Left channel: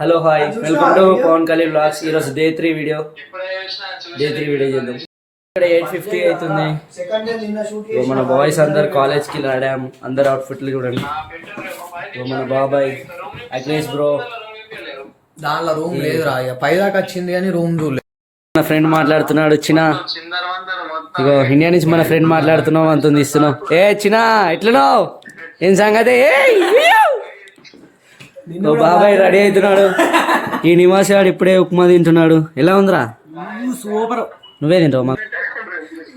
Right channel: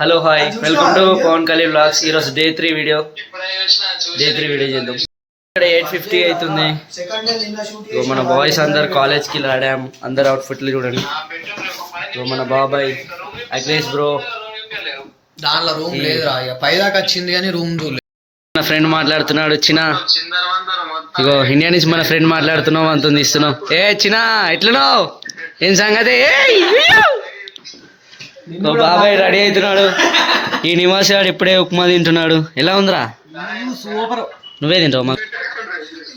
Hello hi, welcome to Pawan Kalyan vlogs. ఈరోజు day 3 video చేద్దాం. ఇక్కడ 8:50 అవుతుంది. మన బాయ్స్ అందరు కాలేజ్కి రాడాం. అందరు అవుట్ఫిట్లు చూడండి. మన బాబాయ్ అగ్నేష్ బ్రో దానిలో రూమ్ లేదు పైదాకా వచ్చింది కానీ రూమ్ మన ఫ్రెండ్ మాట్లాడుతున్నాడు. చిన్న ఇగో ఇండియా నుంచి మన ఫ్రెండ్ మాట్లాడుతున్నాం. అంత ఇస్తున్నాం. ఏ చిన్న ఎట్లున్నావు, ఏం సంగతి? బాబాయ్ రెడీ అవుతున్నాడు. ఈ నివాస్ గారు ఇప్పుడే ఉప్మా తింటున్నాడు. ఎలా ఉందిరా? సూపర్. నువ్వే తింటావు? మా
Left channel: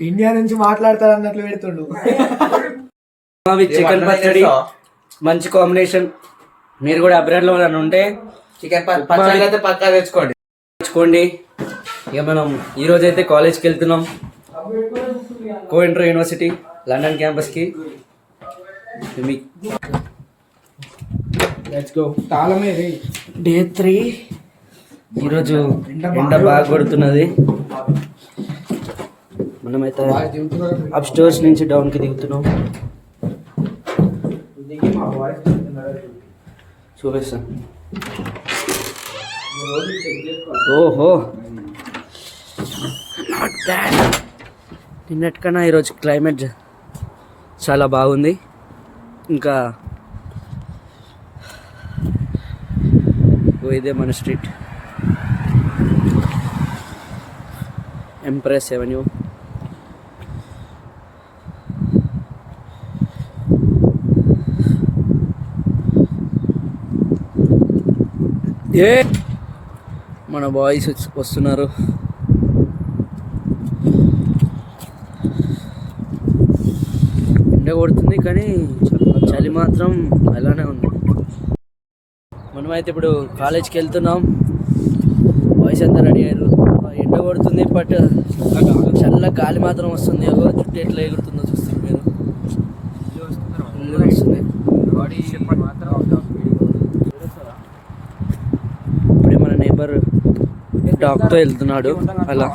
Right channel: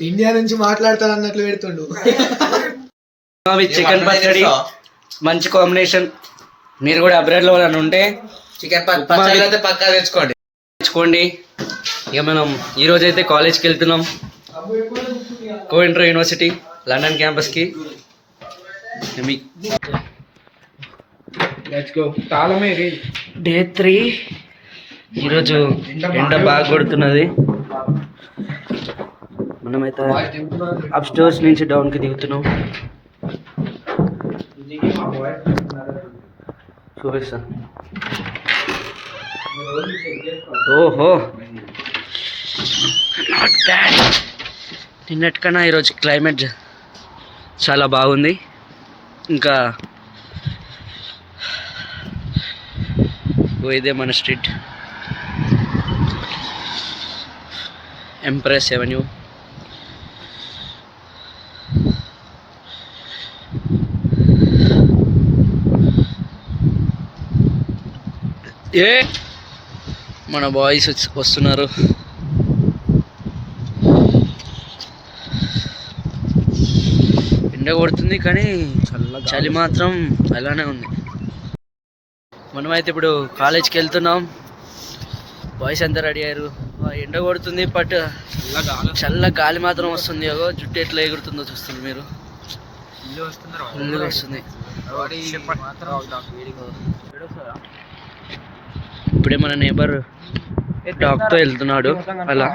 ఇండియా నుంచి మాట్లాడతావు అన్నట్లు పెడుతుండు. చికెన్ పచ్చడి మంచి కాంబినేషన్. మీరు కూడా అబ్రాడ్ లో ఉంటే చికెన్ పచ్చడి అయితే పక్కా తెచ్చుకోండి. ఇక మనం ఈ రోజు అయితే కాలేజ్కి వెళ్తున్నాం. కోఇంటర్ యూనివర్సిటీ లండన్ క్యాంపస్కి. డే 3. ఈరోజు ఎండ బాగా కొడుతున్నది. మనమైతే అప్ స్టోర్స్ నుంచి డౌన్కి దిగుతున్నాం. చూపిస్తాను. ఓహో, నాట్ బ్యాడ్. నిన్నటికన్నా ఈరోజు క్లైమేట్ చాలా బాగుంది. ఇంకా ఇదే మన స్ట్రీట్, ఎంప్రెస్ ఎవెన్యూ. మన బాయ్స్ వస్తున్నారు. ఎండ కొడుతుంది కానీ చలి మాత్రం అలానే ఉంది. మనమైతే ఇప్పుడు కాలేజ్కి వెళ్తున్నాం. బాయ్స్ అంతా రెడీ అయ్యారు. ఎండ కొడుతుంది బట్ చల్ల గాలి మాత్రం వస్తుంది. జుట్టు ఎట్లా ఎగురుతుందో చూస్తారు మీరు. వస్తుంది. ఇప్పుడే మన నేబర్ డాగ్తో వెళ్తున్నాడు. అలా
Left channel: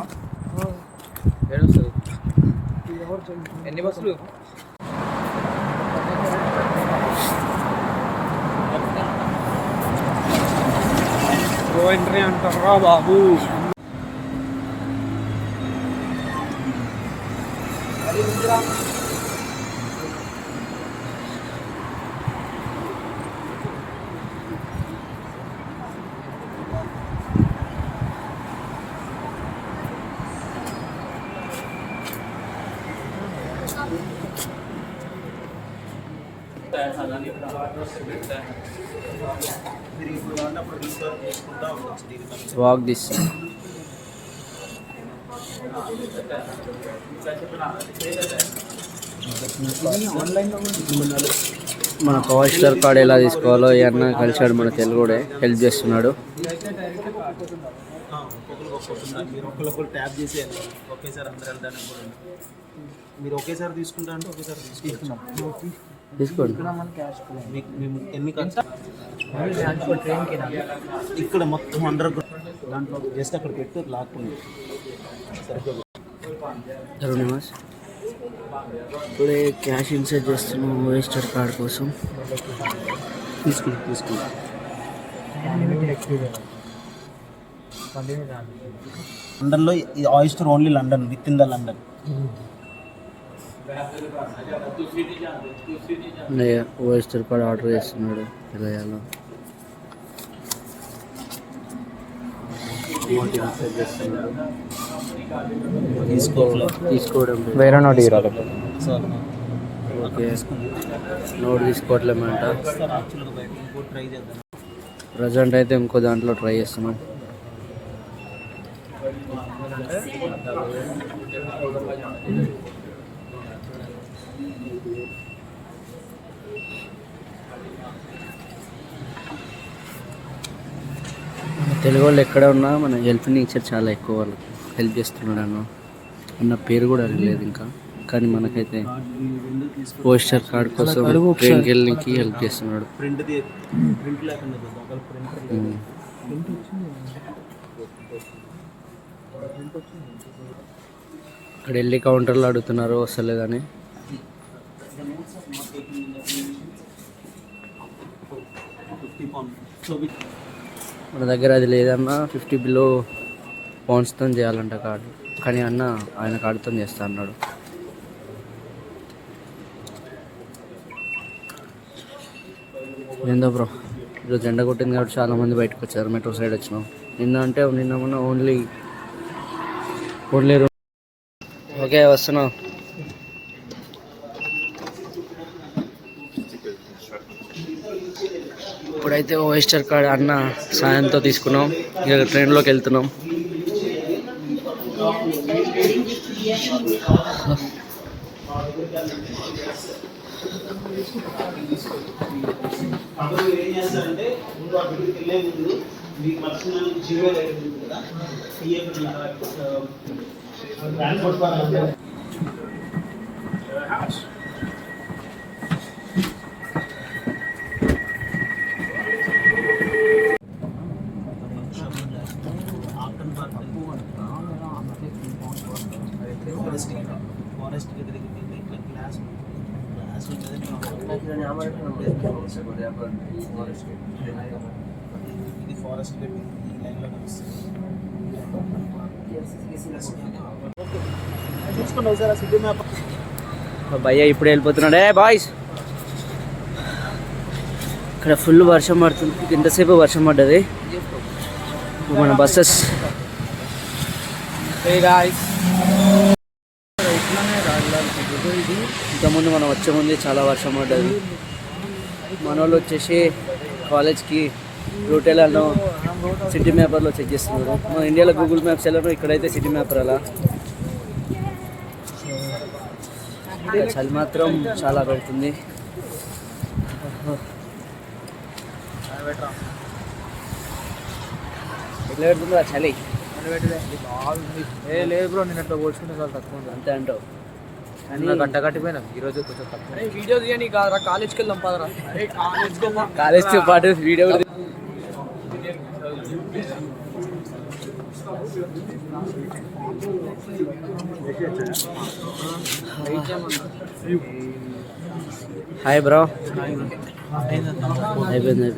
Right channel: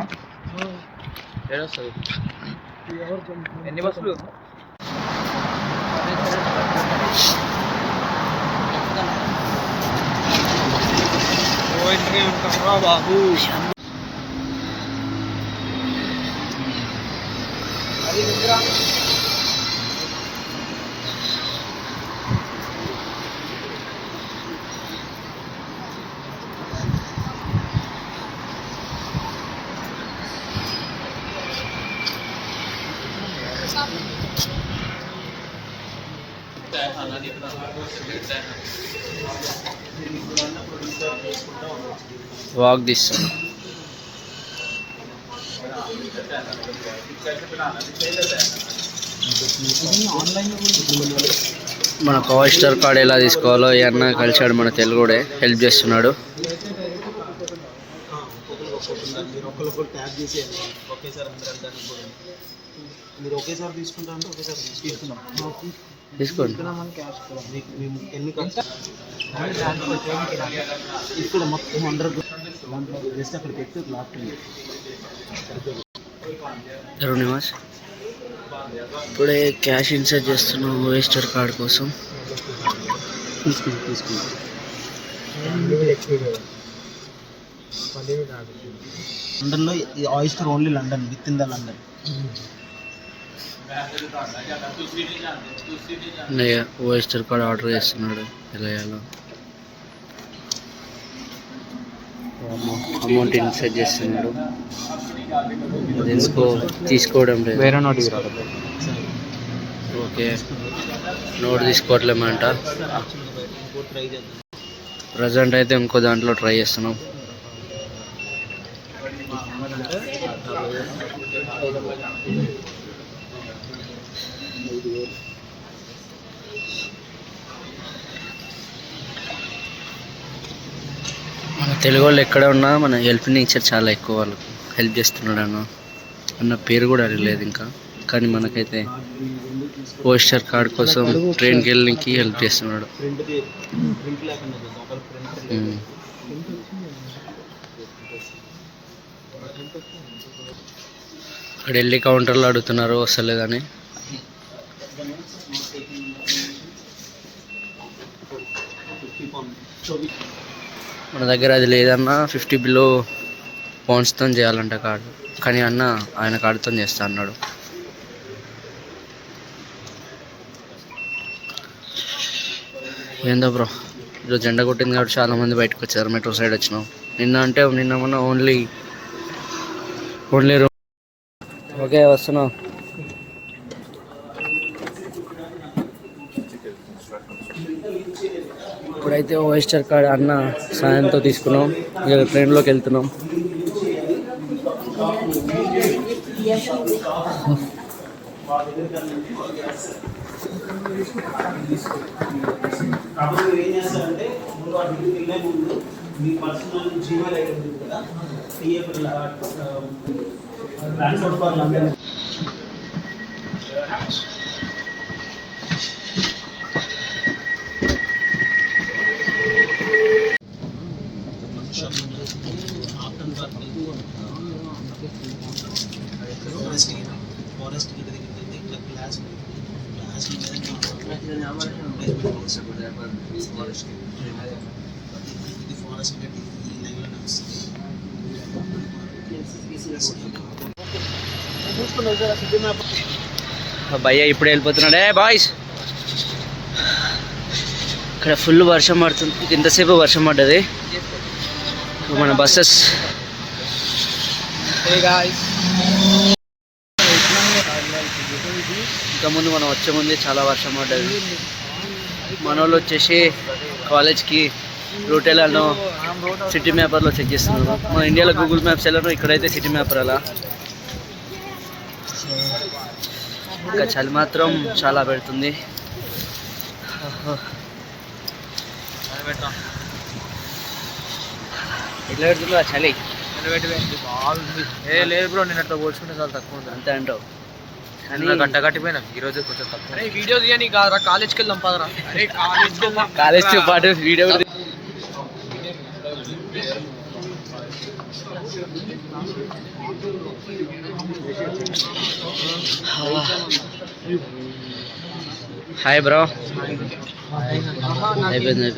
బాబు walk this. మన పవర్ స్టార్ కార్డ్ ఎలా తీసుకోవాలో ఈ అన్న కలిసాడు. మన తెలుగుడే హెల్ప్ చేస్తున్నాడు. మీరు ఒకేసారి తీసుకుంటా అంటే ఒకేసారి తీసుకోండి. ఇక్కడ మొత్తం అండర్ దాంట్లో జస్ట్ అక్కడ పెట్టి లాక్కుంది. నివాస్ ఇప్పుడే క్యాష్ ఇన్సర్ట్ చేస్తున్నాం ఓఎస్టర్ కార్డ్ కోసం. తీసుకుంది లండన్లో ఈ Oyster only London, with in the London. Oyster card order చేస్తున్నాడు. ఎలా చేయాలో అమౌంట్ ఇన్సర్ట్ చేస్తున్నాడు. తీసుకోవడం లేదు. వేరే నోట్ ఇవ్వరా? Okay, note తీసుకోవట్లేమంట. ప్రజెంట్ అయితే ఇంకో దాంట్లో ట్రై చేస్తున్నాం. మన తెలుగు వాళ్ళు ఎక్కడ ఉన్నా మన హెల్ప్ నేచర్ చాలా ఎక్కువ. వాళ్ళకు హెల్ప్ చేస్తున్నాడు అన్న పేరు కూడా అడగలేదు ఇంకా. కానీ మనకైతే పోస్టర్ కార్డ్ కోసం ట్రైన్కి వెళ్ళడానికి హెల్ప్ చేస్తున్నాడు. అక్కడ వెళ్ళి కౌంటర్లో అడుగుతున్నారు వస్తలేదని. మన దగ్గర అది లేదన్నా 50 బిలో పౌండ్స్తో చేయాలంట కార్డు, కానీ అన్న ఆయన కార్డుతో చేస్తా అన్నాడు. ఏందో బ్రో, ఈరోజు ఎండ కొట్టింది కాబట్టి చాలామంది బయటకు వచ్చారు. మెట్రో సైడ్ వచ్చినాం. నిన్న మొన్న ఓన్లీ రూమ్. ఓకే వస్తున్నాం. ఇప్పుడైతే ఓఎస్టర్ కార్డ్ అన్న సాయంతో తీసుకున్నాం. ఇక ట్రైన్లోకి వెళ్తున్నాం. భయ్య ఇప్పుడు వెళ్ళిపోతున్నాడే బాయ్స్. ఇక్కడ ఫుల్ వర్షం పడుతుంది. ఇంతసేపు వర్షం పడ్డది. మన బస్సెస్ ఇంతకుముందు మనం వచ్చే ముందే చాలా వర్షం పడ్డది. మన వాళ్ళు వచ్చేసి కాలేజ్కి రూట్ ఎలానో సిటీ మ్యాపర్లో చెక్ చేస్తున్నారు. మన ఇండియాలో గూగుల్ మ్యాప్స్ ఎలానో ఇక్కడైతే సిటీ మ్యాపర్ అలా. ఇంకా చలి మాత్రం చాలా పెడుతుంది. ఎట్లా పెడుతుందో ఆ చలి. లేదు బ్రో, నేను అట్లా పోల్చుకుంటే చాలా తక్కువ ఉంది. అంతే అంటావు. గంట కట్టిపోయినా ఈరోజు కొంచెం తక్కువ. వీడియో తీయని కాలేజ్కి వెళ్దాం పదరా. కాలేజ్తో పాటు వీడియో కూడా హాయ్ బ్రో. అయిపోయింది.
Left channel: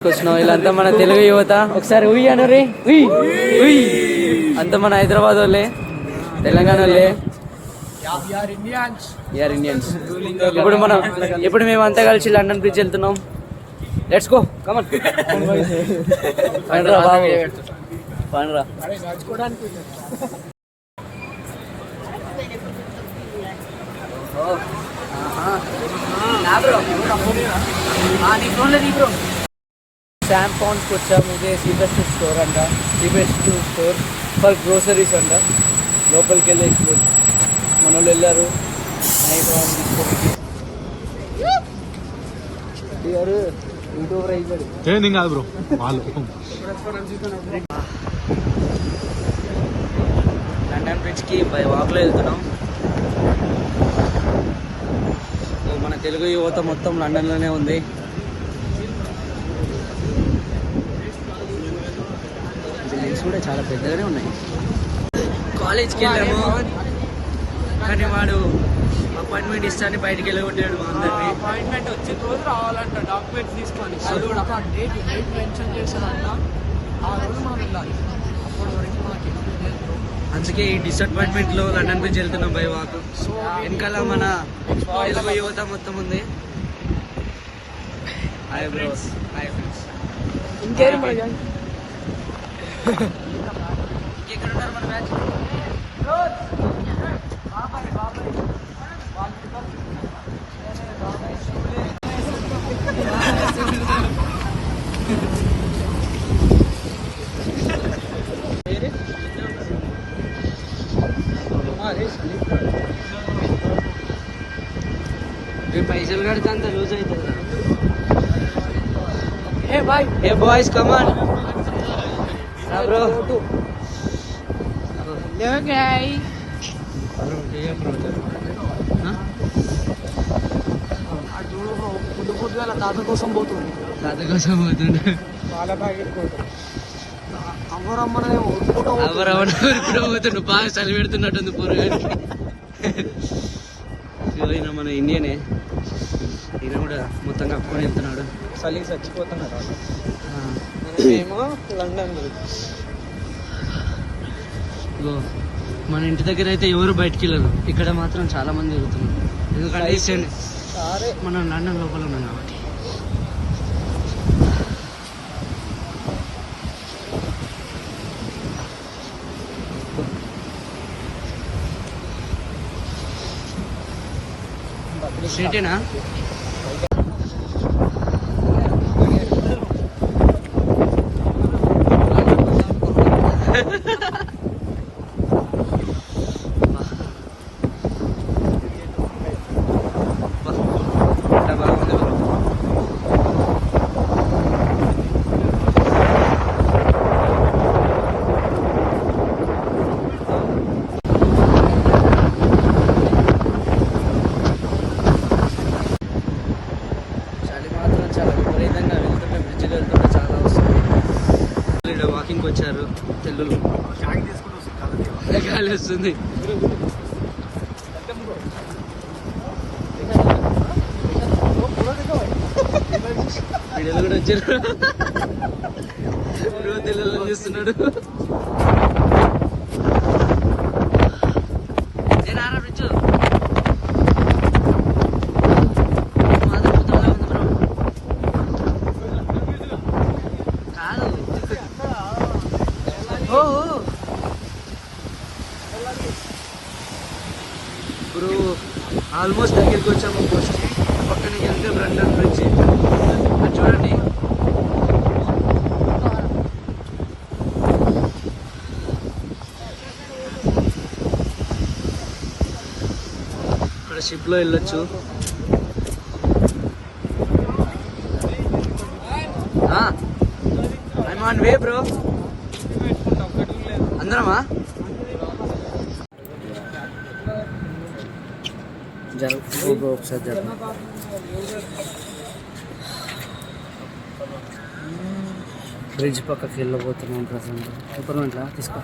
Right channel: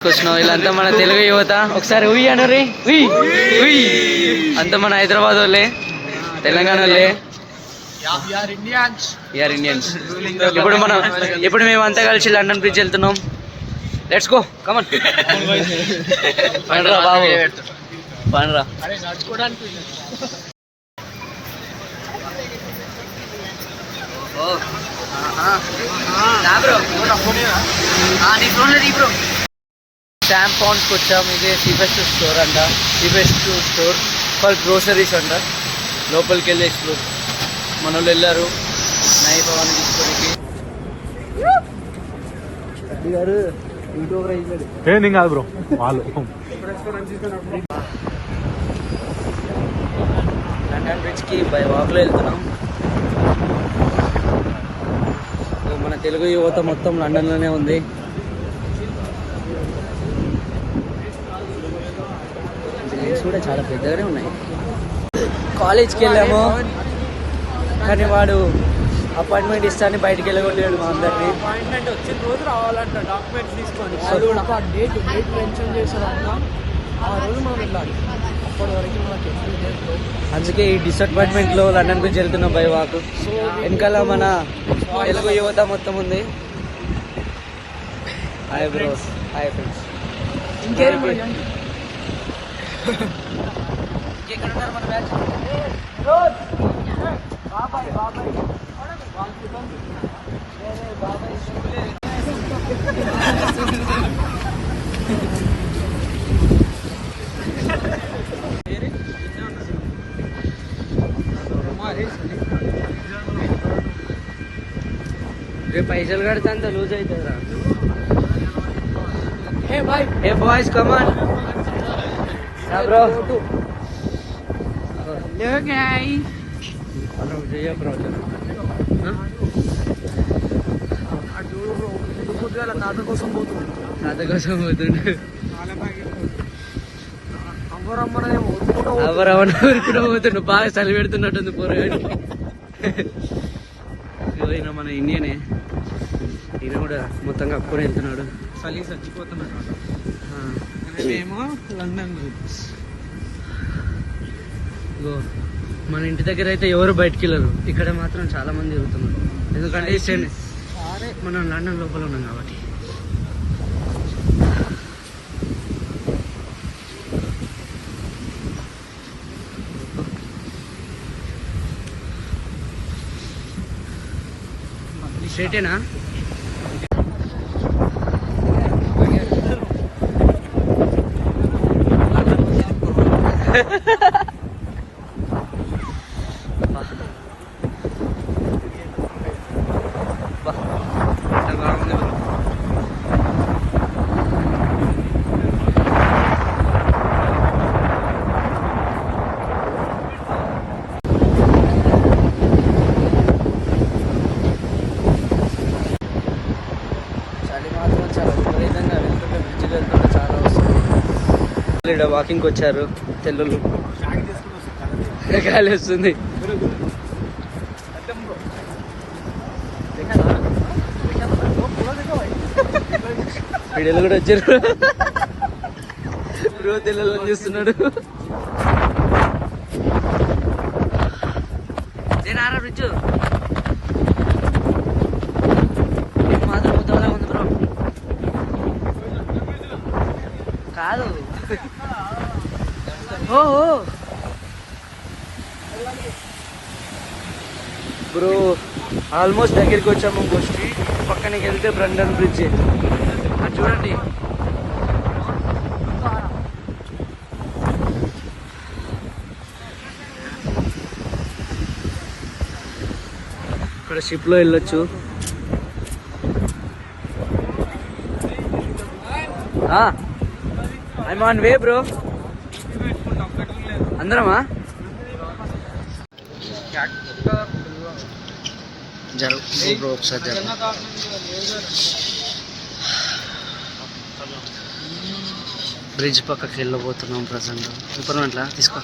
వచ్చినాం వీళ్ళంతా మన తెలుగు యువత. ఒకసారి ఉయ్ అనరే, ఉయ్ ఉయ్. అంతా మన హైదరాబాద్ వాళ్ళే, తెలంగాణ వాళ్ళే. We're Indians. ఇప్పుడు మేము అంతా కలిసి లండన్ బ్రిడ్జ్ వెళ్తున్నాం. Let's go, come on. పండ్రా బాబు, పండ్రా. శామ్ పౌండ్స్కి వచ్చాము. ఇదే చీపెస్ట్ స్టోర్ అంట, చీపెస్ట్ స్టోర్ ఫర్ గ్రోసరీస్ అంట. లోపలికి వెళ్ళి ఎక్స్ప్లోర్. మన వాళ్ళు వెళ్ళారు నైఫ్ అవన్నీ తీసుకోనికి. కాదు బ్రో వాళ్ళు లండన్ బ్రిడ్జ్కి బై వాక్లో వెళ్తున్నాం. మన తెలుగు యువత మొత్తం లండన్లోనే ఉంది. బిల్డింగ్స్ కూడా చాలా పెద్దగానే ఉన్నాయి. కాలేజ్కి వెళ్ళాము, కానీ వాడు అపాయింట్మెంట్ ఇస్తాను బయటికి వెళ్ళగొట్టాడు మా అందరినీ. అపాయింట్మెంట్ వచ్చిన రోజు రావాలంట, డాక్యుమెంట్స్ తీసుకొని. డేట్ మెన్షన్ చేసేదాక ఆ రోజు మనం వెళ్ళాలి. అప్పటి వరకు మనకు అందుకే ఈ డిసప్పాయింట్మెంట్లో లండన్ గురించి వెళ్తున్నాం బై వాక్. వెనకాల మన తెలుగు యువత మొత్తం ఉంది. Hi bros, hi friends. ఇంకేం ఇంకెక్కడ ఉన్నారు మన బ్యాచ్? బాబాయ్ వాళ్ళు బాబాయ్ పైసలు కడితే అంత లూజ్ అవుతుందా? ఏ బాయ్స్ కమాన్ బ్రో. తాత కోసం పోతుండే. అవరవన ఊరుకున్నా పోతుండు. బాగా చలి పెడుతున్నట్టుంది పోరగాడికి. ఈయన మన ఇండియనే, ఈయన కూడా మొత్తం కప్పుకొని వెళ్తున్నాడు. చలి చచ్చిపోతున్నాడు. ఏమో లండన్ మన ఇంటి దగ్గర అయితే ఎవరు బయటికి వెళ్ళరు, ఇక్కడ మాత్రం చాలా మంది తిరుగుతున్నారు. ఎందుకంటే మనం లండన్ లోపల ఉన్నాం కాబట్టి. స్ట్రైటేనా? వాకింగ్ వచ్చారు పిల్లలు, గాలి వస్తుంది. వీడియోలు కూడా వచ్చారు. బ్రో పిల్లలను చూస్తున్నాడు. కాదు బ్రో, ఆల్మోస్ట్ దగ్గరికి వచ్చాము. బస్కి పక్కనకి వెళ్తే లండన్ బ్రిడ్జ్ చూడండి. ఇక్కడ షిప్లో వెళ్ళొచ్చు. I'm on way bro. అందరమా జరుగు బ్రో, ఒకసారి జరుగు. బ్రిడ్జ్ పక్కకి వెళ్ళబోతున్నాం ప్రజెంట్. సూపర్ అట్లా తీసుకో.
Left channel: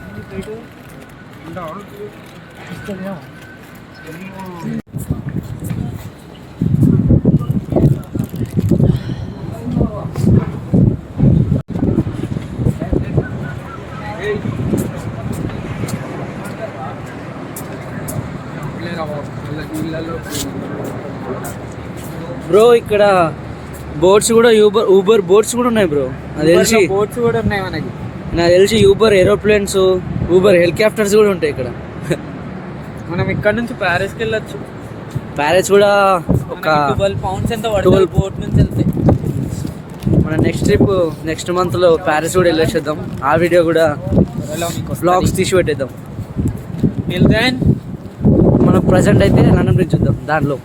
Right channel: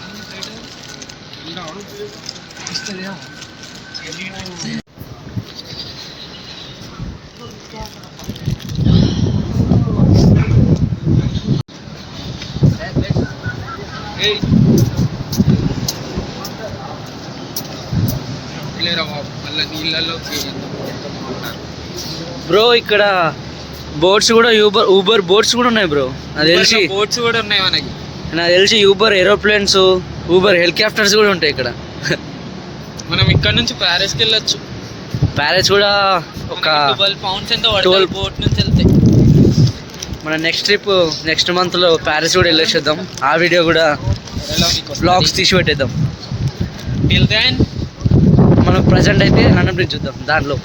బ్రో ఇక్కడ బోట్స్ కూడా, ఊబర్ బోట్స్ కూడా ఉన్నాయి బ్రో. నాకు తెలిసి బోట్స్ కూడా ఉన్నాయి మనకి. నాకు తెలిసి ఊబర్ ఏరోప్లేన్స్, ఊబర్ హెలికాప్టర్స్ కూడా ఉంటాయి ఇక్కడ. మనం ఇక్కడ నుంచి ప్యారిస్కి వెళ్ళొచ్చు. ప్యారిస్ కూడా ఒక 12 pounds ఎంత పడుతుంది బోట్ నుంచి వెళ్తే. మన నెక్స్ట్ ట్రిప్ నెక్స్ట్ మంత్లో ప్యారిస్ కూడా వెళ్ళేసేద్దాం. ఆ వీడియో కూడా బ్లాగ్స్ తీసి పెట్టేద్దాం. టిల్ దెన్ మనం ప్రజెంట్ అయితే లండన్ బ్రిడ్జ్ చూద్దాం. దానిలో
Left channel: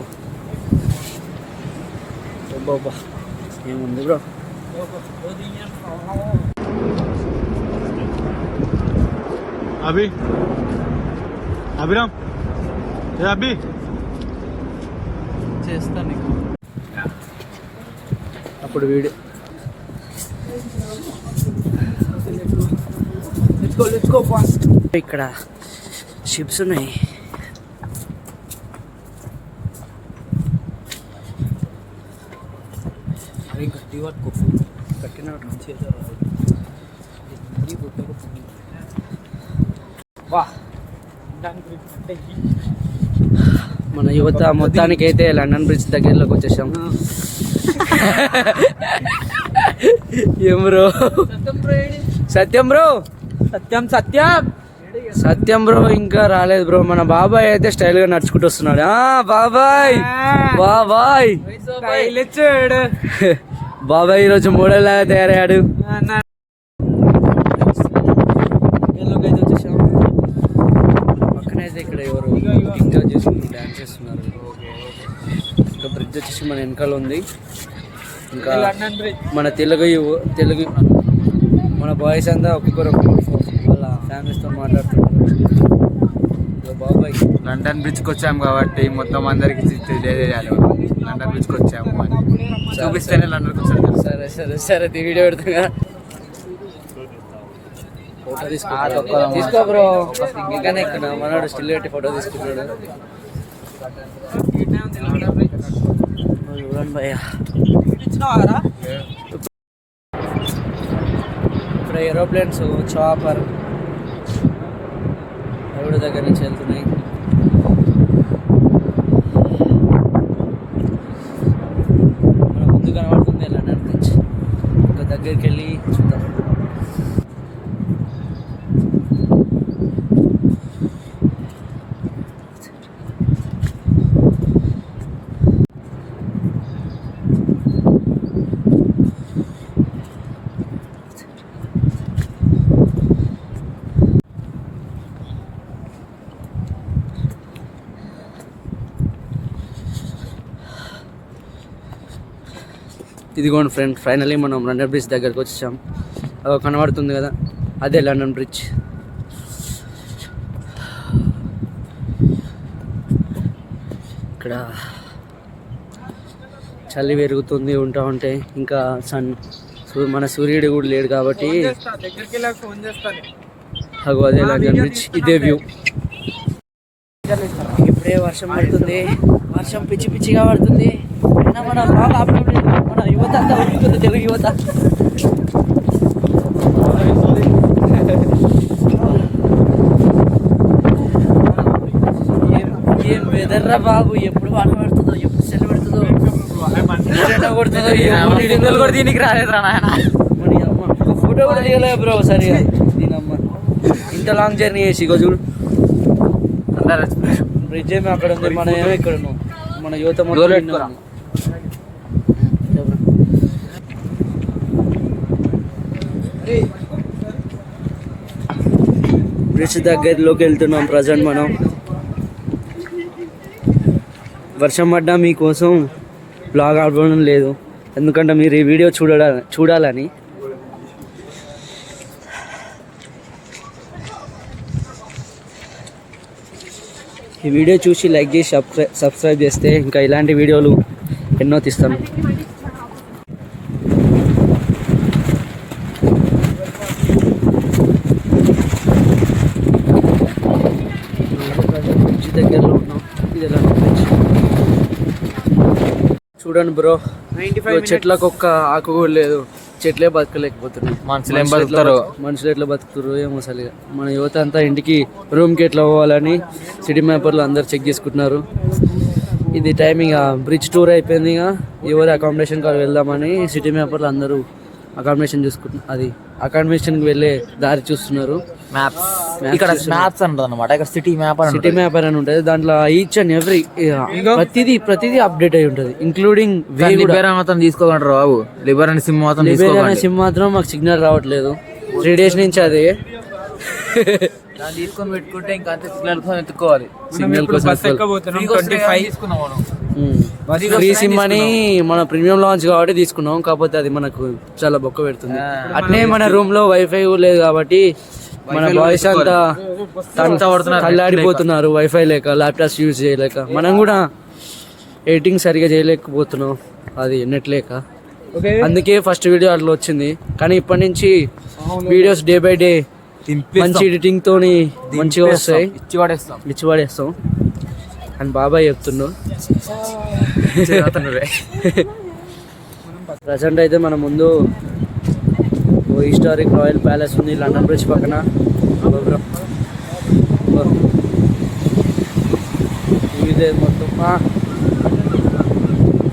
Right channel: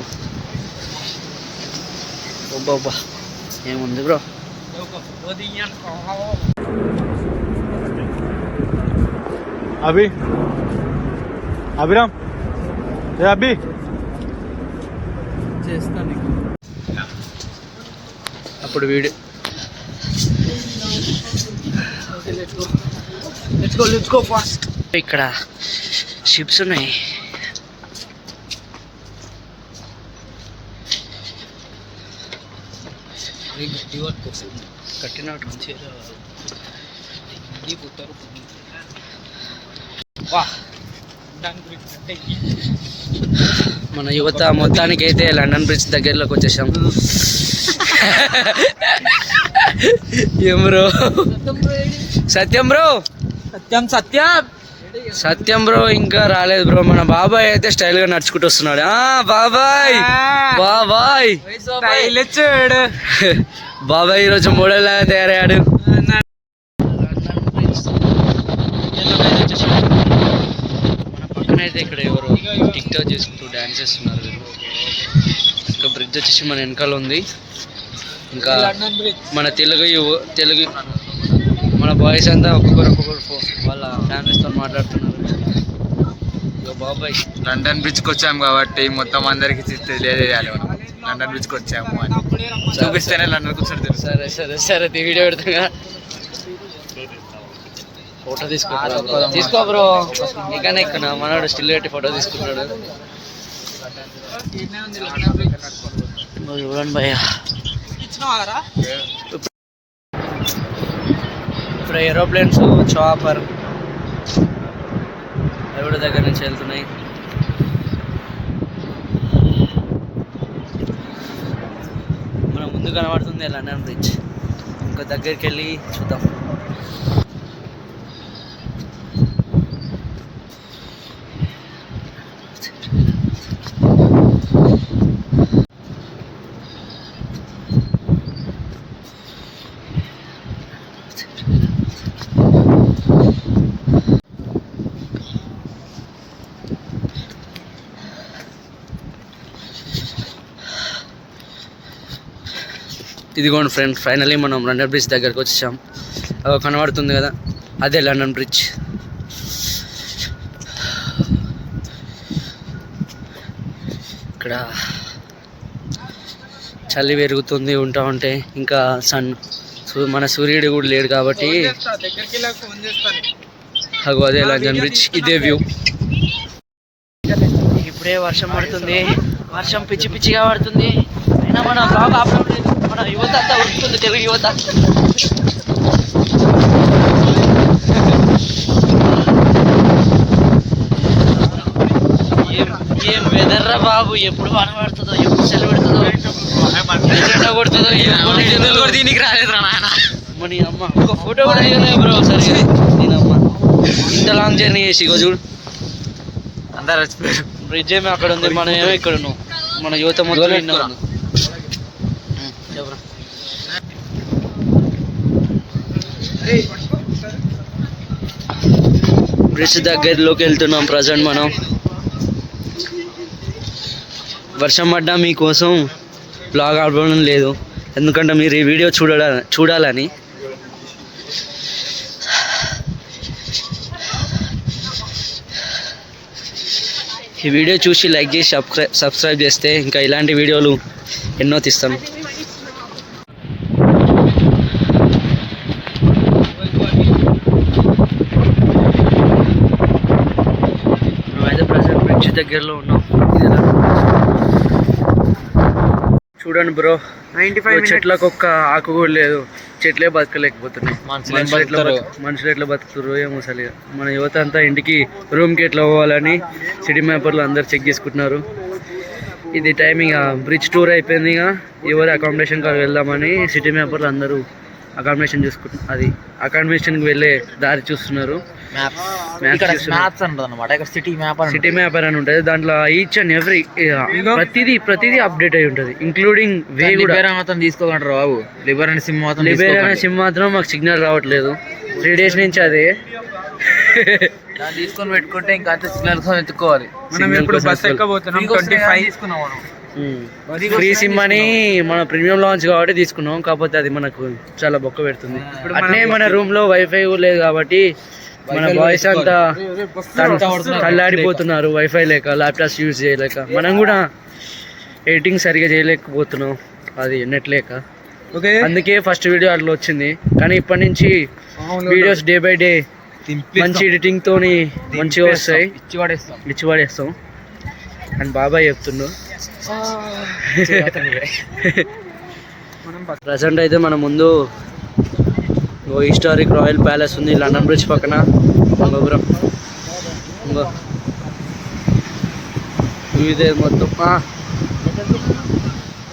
ఒబ్బా ఏముంది బ్రో. अभी अभिराम अभी చేస్తా మీకు. అప్పుడు వీడియో లెట్స్ గో ఫాస్ట్. ఇక్కడ షిప్స్ ఉన్నాయి. కట్టినట్టు మన యువత మొత్తానికి అయితే లండన్ బ్రిడ్జ్ దగ్గరలోకి వచ్చేసాం. ఏం బ్రో? సత్యం బ్రో, సత్యం బ్రో ఇంకా రాలేదు బ్రో. మన బాబాయ్ అయితే స్టైల్ గా నడుచుకుంటూ వస్తున్నాడు. బాబాయ్ బాబాయ్ బాబాయ్ ఈరోజు మోడల్ లాగా తయారయ్యాడు. పక్కనైతే ఇక్కడ ఎవరు టిక్ టాక్ చేసుకుంటూ డాన్స్ చేస్తున్నారు. ఇంకా బ్రిడ్జ్ వచ్చేసి మన వెనకాల ఉంది. ఇంకా మన తెలుగు మన బాయ్స్ అంతా ఒక్కొక్కరు వాళ్ళ ఫ్యామిలీస్తో మాట్లాడుతున్నారు. ఇక బాబాయ్ లండన్ బ్రిడ్జ్కి వచ్చాము కాబట్టి మొత్తం అందరికి తెలియజేయాలి. మనం లండన్ బ్రిడ్జ్కి వచ్చాము అని చూపిస్తేనే లండన్కి వచ్చాడు. సరే సరే సరే వీడియో పెడతా. ఫోటో తీసుకో బ్రో. ఇంకా మనోడు స్టిల్ పెట్టి ఫోటో తీసుకుంటున్నాడు. చూడండి భయ్య, ఇప్పుడు ఏరోప్లేన్స్ చాపర్ ఎవరి దగ్గర నుంచి వెళ్తున్నాయి. మన ముందు కనబడుతుంది లండన్ బ్రిడ్జ్. ఇంకా దగ్గరికి వెళ్ళి చూద్దాం. ఇదిగోండి ఫ్రెండ్, ఫైనలీ మనం లండన్ బ్రిడ్జ్ దగ్గరకు వచ్చేసాం. కనబడుతుంది కదా, అదే లండన్ బ్రిడ్జ్. ఇక్కడ చలి పెరుగుతుంది ఉంటా ఉంటే, ఇంకా మన సూర్యుడు కూడా లేడు కాబట్టి అగో అదే లండన్ బ్రిడ్జ్, ఇదే వ్యూ. ఇప్పుడే వర్షం పడుతుంది, వర్షం పిచ్చి పిచ్చిగా పడుతుంది. అయినా మన బ్లాగ్ ఆపడం లేదు, మన యువత అంతా ఉరుకుతుంది, తెలుగు యువత. ఏం వెదర్ రా బాబు, ఎప్పుడు వాన పడుతుందో, ఎప్పుడు చలి పెడుతుందో, ఎండ కొడుతుందో. దీనికి రాలేదురా నాయన. మన అమ్మ ఒక ఫోటో కూడా తీయలేదు బ్రో సరిగా. దీనమ్మ ఇంత లాంగ్ జర్నీ చేసి ఇగో చూడు, బ్రిడ్జ్ ఏమో అక్కడ ఉంది, మనం ఏమో ఇక్కడ ఉన్నాం. మన యువత మొత్తం బ్రిడ్జ్ దగ్గరలోకి వెళ్తున్నాం ప్రజెంట్ మనం. వర్షం పడ్డా మీకోసం బ్లాగ్ ఆడడం లేదు, ఎందుకంటే మీరు ఈ వీడియో చూడాలని. ఈ వీడియో చూసి లైక్ చేసి సబ్స్క్రైబ్ చేస్తే ఇంకా ఇలాంటి వీడియోలు ఎన్నో తీస్తాను. అయితే ప్రజెంట్ బ్రిడ్జ్ దగ్గరలో ఉన్నాం. ఇది ఎలా చూడండి బ్రో, చెట్లకు ఒక్క ఆకు కూడా లేదు, చెట్లే బతకలేకపోతున్నాయి. మనుషులు ఎట్లా బతుకుతారు ఏమో అసలు. మన యువత అంతా ఇంటికి రూమ్కి ఎట్లా పోవాలని సిటీ మ్యాపర్లు అందరు చెక్ చేసుకుంటున్నారు. ఇది టైమింగ్ బ్రిడ్జ్ టూర్ అయిపోయింది, ఇక ఎవరు అకామిడేషన్ కాడ వెళ్దామని సిటీ మ్యాపర్లు అందరూ అకామిడేషన్ చూసుకుంటున్నారు. అది అకామిడేషన్కి వెళ్ళే దారి చూస్తున్నారు. సిటీ మ్యాపర్ అని ఉంటుంది, దాంట్లో ఈచ్ అండ్ ఎవ్రీ ప్రతిదీ అప్డేట్ అయి ఉంటుంది, ఇంక్లూడింగ్ వే కూడా. తీసుకోమంటారు బాబు, లిబరేషన్ సిమ్ మాత్రం మాకు సిగ్నల్ రావట్లేదు 3 days నుంచి. అదే తీసుకొని పెట్టుకుంటే ఇంకా అంత సిగ్నల్ ఎత్తుకోవాలి. ఫ్రీ సిమ్ అని మన ప్రీమియం లాంచ్ కాబట్టి తీసుకున్నాం, కాకపోతే అది మనకు చాలా బొక్క పెడుతుంది. అట్నే మన రూమ్ లో వైఫై లేదు కాబట్టి మన బాయ్స్ అంతా తల్లాడిపోతున్నారు వైఫై లేక, ల్యాప్టాప్స్ యూజ్ చేయలేక. మనం కూడా ఎడిటింగ్ సరిగా చేయలేకపోతున్నాం, అది నెట్ లేక. అందుకే ఫస్ట్ వీడియో అట్లా వచ్చింది, కానీ ఇప్పటి నుంచి వీడియోస్ డే బై డే మంచి ఎడిటింగ్ తోని మంచిగా వస్తాయి, ఇచ్చి పడేస్తాం అని బాబాయ్ చెప్తుండు. ప్రజెంట్ అయితే మన ముందు హిస్టారిక్ రాయల్ ప్యాలెస్ ఉంది లండన్ బ్రిడ్జ్ పక్కన. గోపురం ఇదే మొత్తం.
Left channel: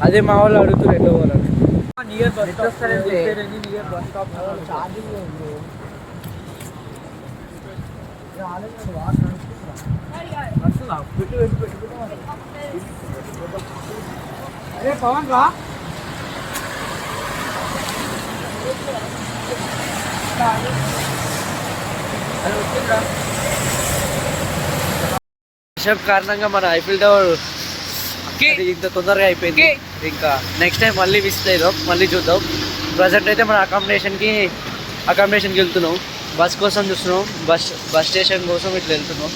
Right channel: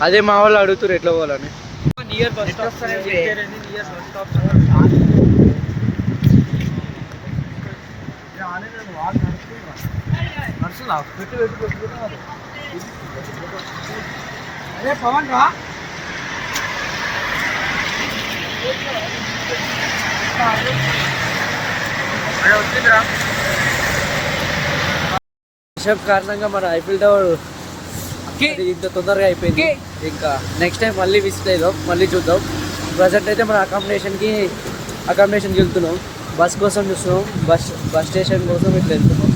అదే మా వాళ్ళు అడుగుతున్నారు ఎట్లా పోవాలని. వర్షం కారణంగా మన ఐఫిల్ టవర్ ఇంత తొందరగా అయిపోయింది. ఇంకా నెక్స్ట్ టైం మళ్ళీ విజిట్ అయిదాం, మళ్ళీ చూద్దాం. ప్రజెంట్ అయితే మన అకామిడేషన్కి వెళ్తున్నాం, బస్ కోసం చూస్తున్నాం. బస్ స్టేషన్ కోసం ఇట్లా వెళ్తున్నాం,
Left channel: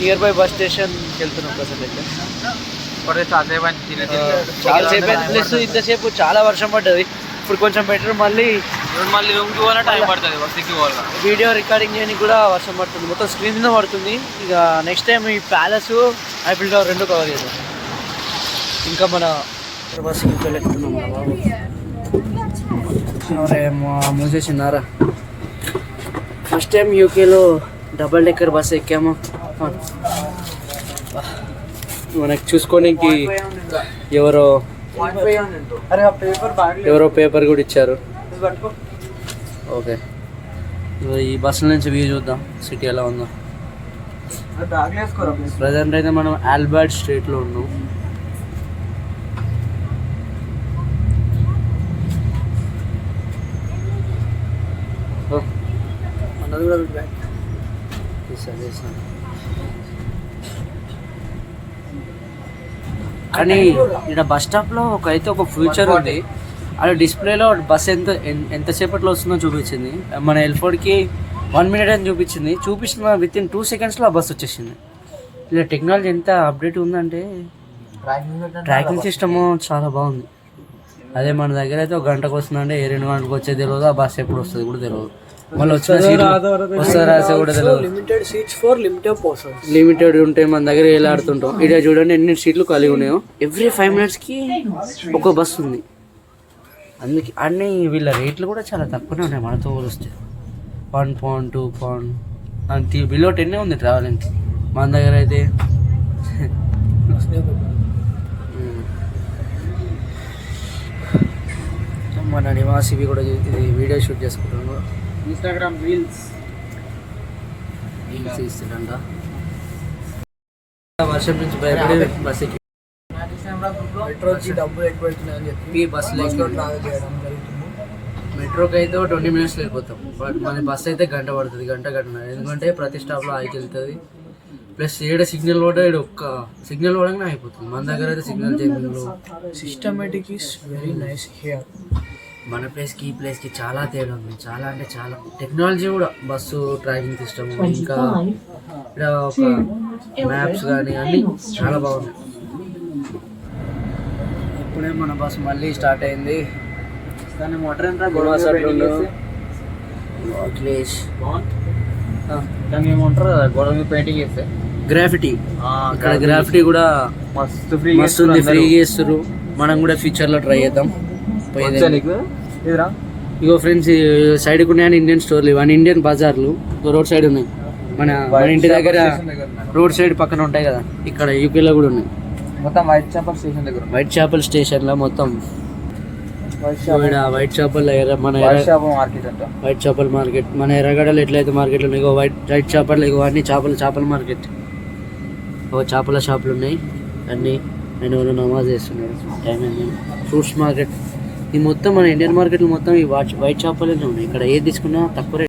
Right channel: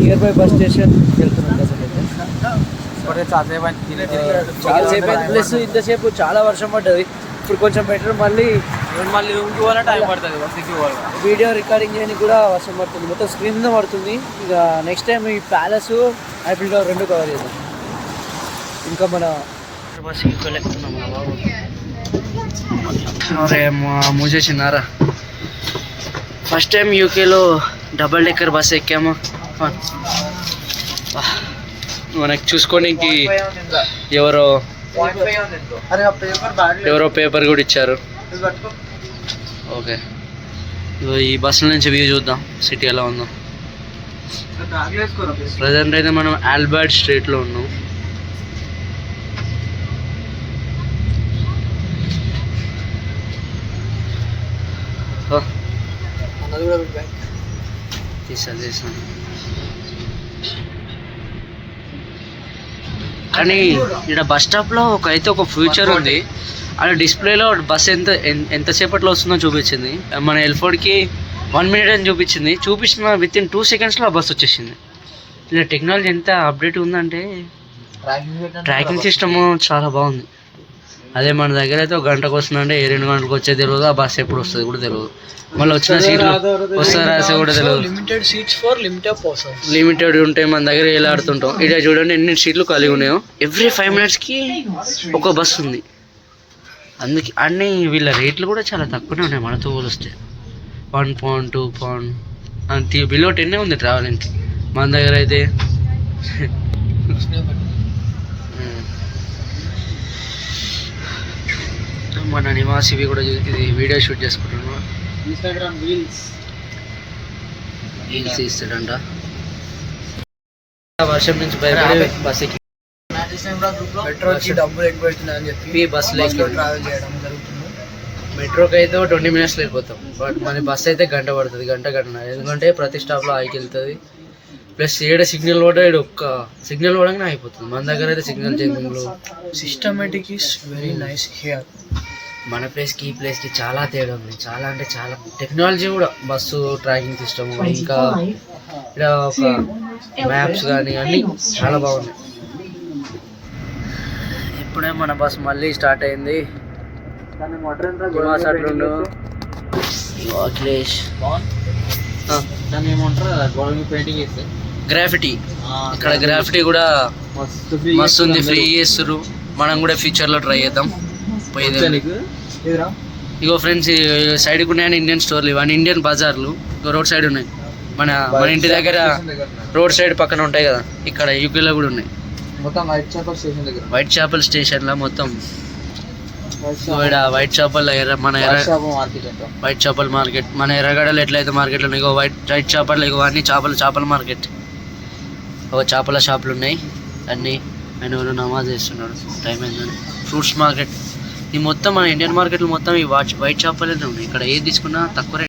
నియర్ బై బస్ స్టేషన్కి వెళ్తున్నాం. ప్రజెంట్ అయితే చాలాసేపు ప్లస్ ఇంతసేపు చాలా వర్షం పడ్డది. ఇప్పుడు కొంచెం బెటర్, మళ్ళీ రూమ్కి పోవాలా టైం పడుతుంది, బస్కి పోవాలా. వీడియో రికార్డింగ్ చేయడానికి కూడా వర్షం పడుతుంది, మొత్తం స్క్రీన్ మీద పడుతుంది. ఇక నెక్స్ట్ టైం ఈ ప్యాలెస్ ఐఫిల్ టవర్ రెండు కవర్ చేద్దాం. ఇంకా మన బస్ యూకేలో ఎక్కుతున్నాం రా బాబు. అరే మూసేసినారా. ఫస్ట్ టైం యూకేలో డబల్ డెక్కర్ బస్ ఎక్కామా. మనకి చూసుకోనికి ఎవరో పేపర్ కూడా ఇచ్చారు. ఓకే, ఈ బస్సుల నుంచి వ్యూ చూద్దాం సిటీ ఎలా ఉందో. ప్రజెంట్ అయితే మనం ఆల్బర్ట్ స్ట్రీట్లో ఉన్నాం. తీసాను కానీ ఇక్కడ బస్ స్టాప్లో ఒక ఫ్యూచర్ ఉంది. అలా డిస్ప్లేలో బస్ ఎంతసేపట్లో వస్తుందో చూపించింది. మన ఎల్ఫోర్డ్కి 1 minute అని చూపించిన విత్ ఇన్ 2 secondsలో ఆ బస్ వచ్చేసింది. ఇలా టెక్నాలజీ ఎంత అప్డేట్ ఉందంటే ట్రాకింగ్ సిస్టమ్ చాలా బాగుంది. అదే మన దగ్గర అయితే 1 గంటకు వస్తుందంటే 2 గంటలకు వచ్చేది తెలియదు. ఆ బస్ ఎప్పుడు వస్తుంది కూడా తెలియదు. మళ్ళీ వచ్చిన సీట్లు వస్తారా కూడా తెలియదు. లిమిటెడ్ ఉంటాయి మన దగ్గర. ఎలా ఆడుతుంటాం ఇక్కడ చూడండి ఎన్ని సీట్లు ఖాళీగా ఉన్నాయో. ఎవ్రీ 5 minutesకి ఒక బస్సు ఉంది. అందుకే అన్నీ వీళ్ళ రేట్లు కూడా చాలా తక్కువనే ఉన్నాయి మనతో పోలిస్తే. 1 pound 2 pound అంతే, బిలో 10 ఉంది ట్రావెలింగ్కి. మన దగ్గర అయితే మన నివాసివి కూడా ఇది వీడియో షూట్ చేసుకుంటున్నాను. ఇన్స్టాగ్రామ్ రీల్స్ ఇస్తాడంట. వర్షం నుంచి భయపడి బస్ ఎక్కి మెట్రోకి డబ్బులు ఎక్కువ అవుతున్నాయని చెప్పి బస్సులో ట్రావెల్ చేయడం జరుగుతుంది. మెట్రోకి అయితే 20 minutes వెళ్ళిపోతాం. బట్ మన బస్ అయితే గంట పడుతుంది, గంటన్నర. ఎందుకంటే ప్రతి స్టాప్లో ఆగికి వెళ్తుంది. ప్లస్ ఏడ సిగ్నల్ కూడా ఒక్క సిగ్నల్ పడగానే అయిపోతుంది. మన దగ్గర అయితే సిగ్నల్ చేంజింగ్లో systematic is very nice here. మన ప్లేస్కి ఈ ప్లేస్కి చాలా తేడా ఉంది. చాలా అంటే చాలా టెక్నాలజీ కూడా, బస్సు ట్రాకింగ్ సిస్టమ్, ఇంకా ఇక్కడ ఒక మ్యాప్స్ కానీ అన్నీ చాలా బాగున్నాయి. ఇప్పుడే మన బస్ మళ్ళీ స్టార్ట్ అయింది. అఖిలేష్ పెయింటింగ్ చేస్తే గ్రాఫిటీ, ఇక్కడ గ్రాఫిటీ కూడా మస్తు ఉంది, ఫ్రీ చేస్తారు. మనం కూడా ఫ్యూచర్లో ట్రై చేద్దాం. ఇగో ఫ్రెండ్స్, సైడ్కి ఉన్నాయని ఇండియన్ స్టోర్లు, ఇవన్నీ ఇండియన్ బజార్లు రోడ్ సైడ్ ఉన్నాయి. మన ఇంటి దగ్గర రోడ్ సైడ్ పక్కన ఉంటాయి కదా, ఇక్కడ యూకేలో కూడా ఉన్నాయి. మొత్తం వైట్ చేపల్ స్టేషన్ దగ్గర, వైట్ చేపల్ స్టేషన్లో మొత్తం వైట్ చేపల్ మన వైట్ చేపల మార్కెట్. మన ఎర్రగడ్డలు ఎట్లయితే మార్కెట్లు ఉన్నాయి, ఇగో వైట్ చేపలు, ఇగో అన్ని చేపల మార్కెట్. ఒక చేపల షాపులు ఉన్నాయి అన్నీ. ఆయన వాళ్ళు నమాజ్ చేస్తున్నాడు, టైం అయిందని. ఫ్రూట్స్ మార్కెట్, ఈ మొత్తం మన ఇండియన్ మార్కెట్లు మొత్తం ఈ వైట్ చేపలే ఉన్నాయి. ఇక్కడ ఏది తీసుకున్నా తక్కువ రేట్.